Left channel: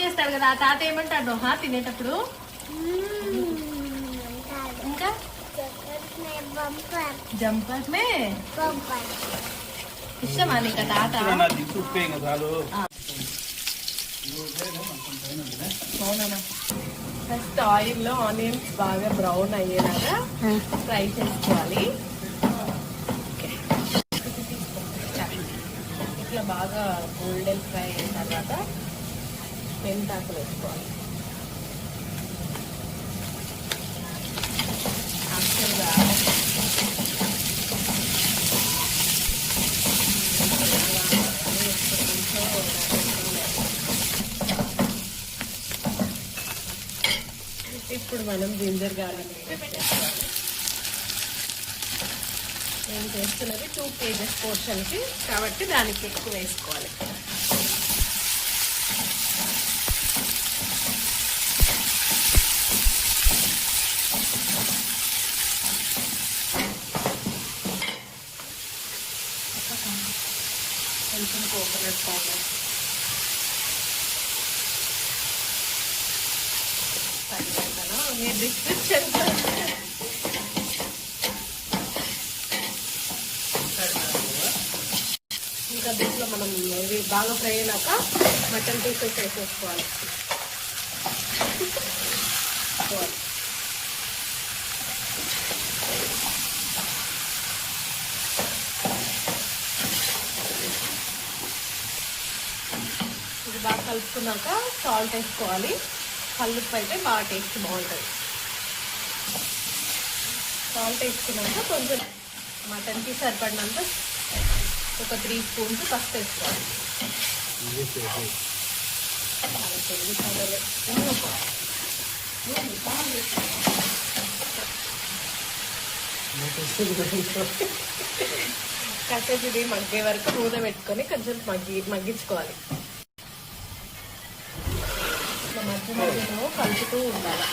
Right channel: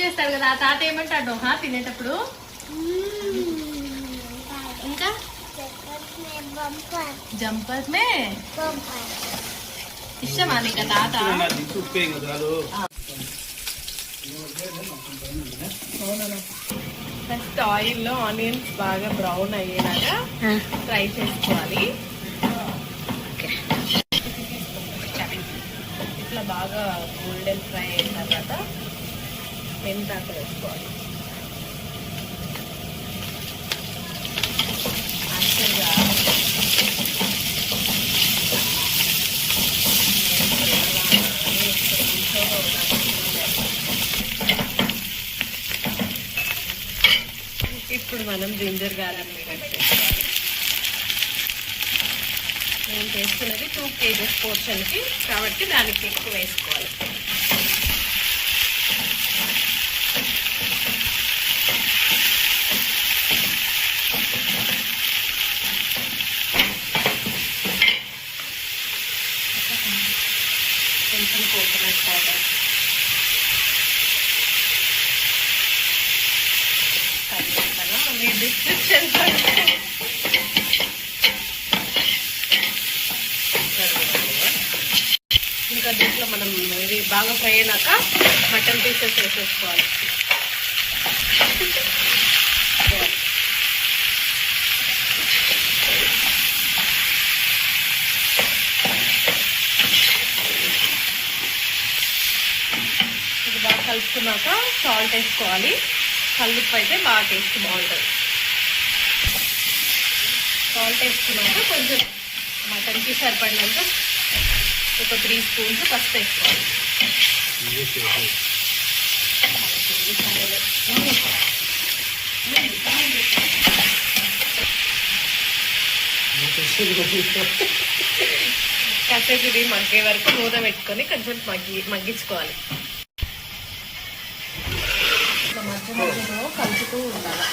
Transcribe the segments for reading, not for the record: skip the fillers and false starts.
చేస్తారు కదా తాత ఏమంటాడు తినేటప్పుడు ఇంకా జంపర్ నే ఇష్టమా నీకు తాత ఫస్ట్ ఆయిల్లో ఆనియన్స్ బాగా బ్రౌన్ అయ్యేలాగా ఫ్రై చేసుకోవాలి. ఇట్లా బాగా గోల్డెన్ ఫ్రై అయిన తర్వాత మెంతాకు వేసుకోవాలి. ఇప్పుడు మనం జింజర్ గార్లిక్ పేస్ట్ వేసుకోవాలి. నేను చేసుకున్నది 2 kgs పోర్షన్కి కాబట్టి దానికి ఎక్కువ వేసుకోవాలి. కొంచెం కోకోనట్ పౌడర్, మీ డిస్క్రిప్షన్ ఇంకా దీంట్లో మనం ఇది బాగా ఫ్రై అయినాక మటన్ పీసెస్ వేసేసుకోవాలి. ఇది బాగా కలుపుకున్నాక సాల్ట్ వేసుకోవాలి. కల్లుప్పు అయితే బాగా టేస్ట్ బాగుంటుంది. సాల్ట్ వేసుకున్నాక కొంచెం మటన్కి సరిపడినంత ఒక 3 స్పూన్స్ పసుపు వేసుకోవాలి. కాసేపు ఇది మగ్గే వరకు మూత పెట్టుకొని కొంచెం మగ్గించుకోవాలి. మధ్య మధ్యలో కలుపుతూ ఉండాలి.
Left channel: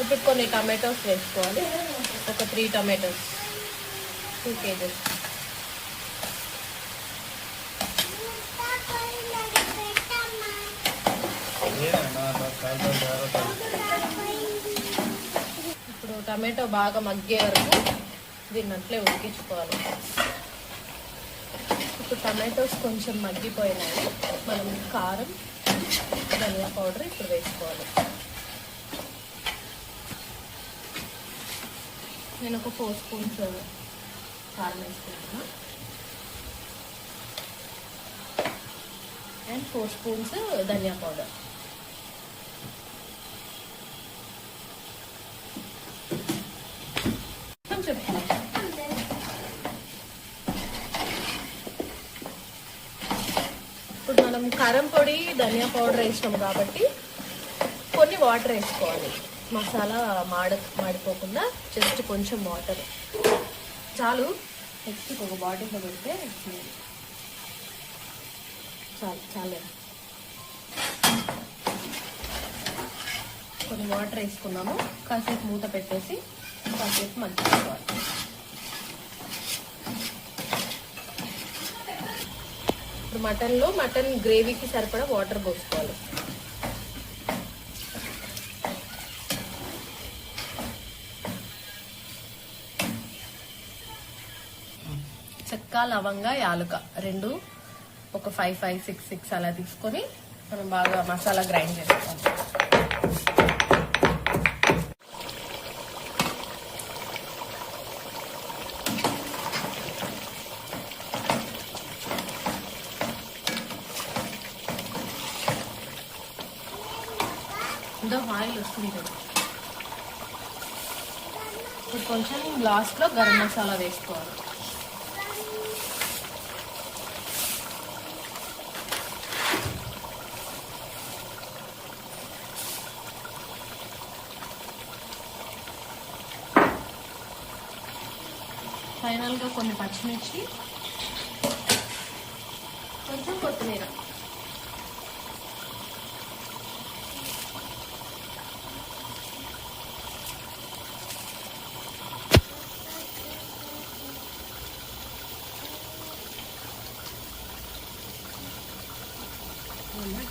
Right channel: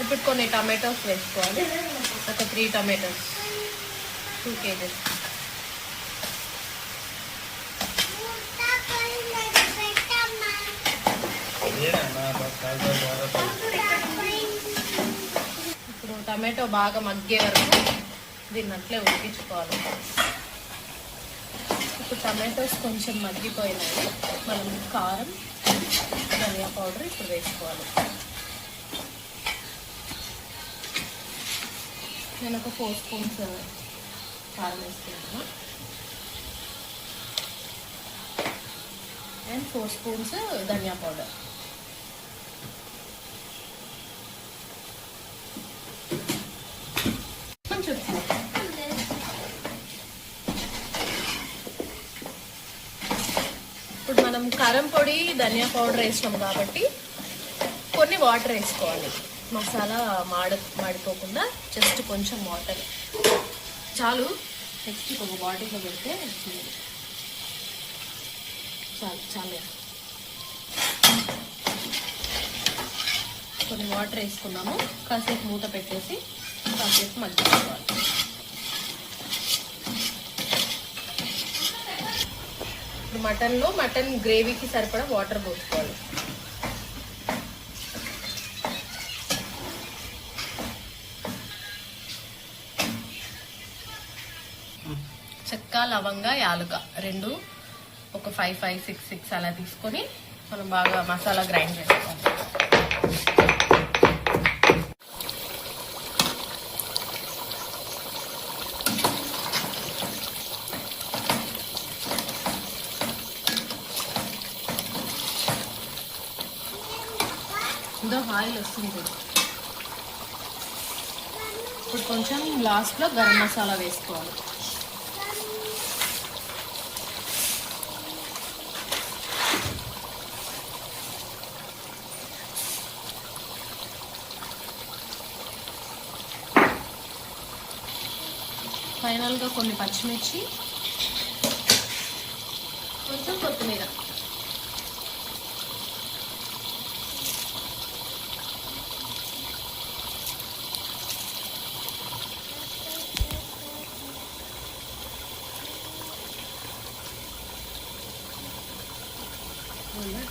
ఇప్పుడు కొన్ని టమాటోస్ వేసుకోవాలి. ఒక 3 టమాటోస్ 2 kgs. ఇప్పుడు టమాటో బాగా మగ్గే వరకు దీన్ని అట్లే ఉడికించుకోవాలి. ఇప్పుడు టమాటోస్ కొంచెం మగ్గిపోయినాయి. మనం కారం, ధనియా పౌడర్ ఇప్పుడు వేసుకోవాలి. నేను ఒక 4 స్పూన్స్ కారం వేసుకున్నాను అండ్ 4 స్పూన్స్ ధనియా పౌడర్. కొంచెం ఇప్పుడు మనం కారం పొడి ధనియా పౌడర్ వేసినాం కాబట్టి కొన్ని వాటర్ వేసుకోవాలి. మసాలా మాడిపోకుండా జస్ట్ కొంచెం వాటర్ చాలు. నెక్స్ట్ ఒక బాటిల్లో పెడితే చాలు. కొన్ని వాటర్ వేసుకున్నాము. కాసేపు మూత పెట్టేసి కాసేపు మగ్గించుకోవాలి. ఇప్పుడు మటన్ గ్రేవీకి సరిపడా వాటర్ పోసుకోవాలి. చెక్క, లవంగ, యాలుక 2 ఒక 5, 6, 6 అలా తీసుకొని మనం బాగా మసాలా గ్రైండ్ చేసుకోవాలి. ఆయిల్ వస్తుంది. ఇప్పుడు కొంచెం లాస్ట్లో గరం మసాలా వేసుకోవాలి. ఫైనల్గా కొన్ని పచ్చిమిర్చి, కొంచెం కొత్తిమీర. బాగుందని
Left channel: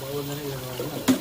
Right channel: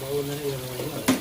బాగుందని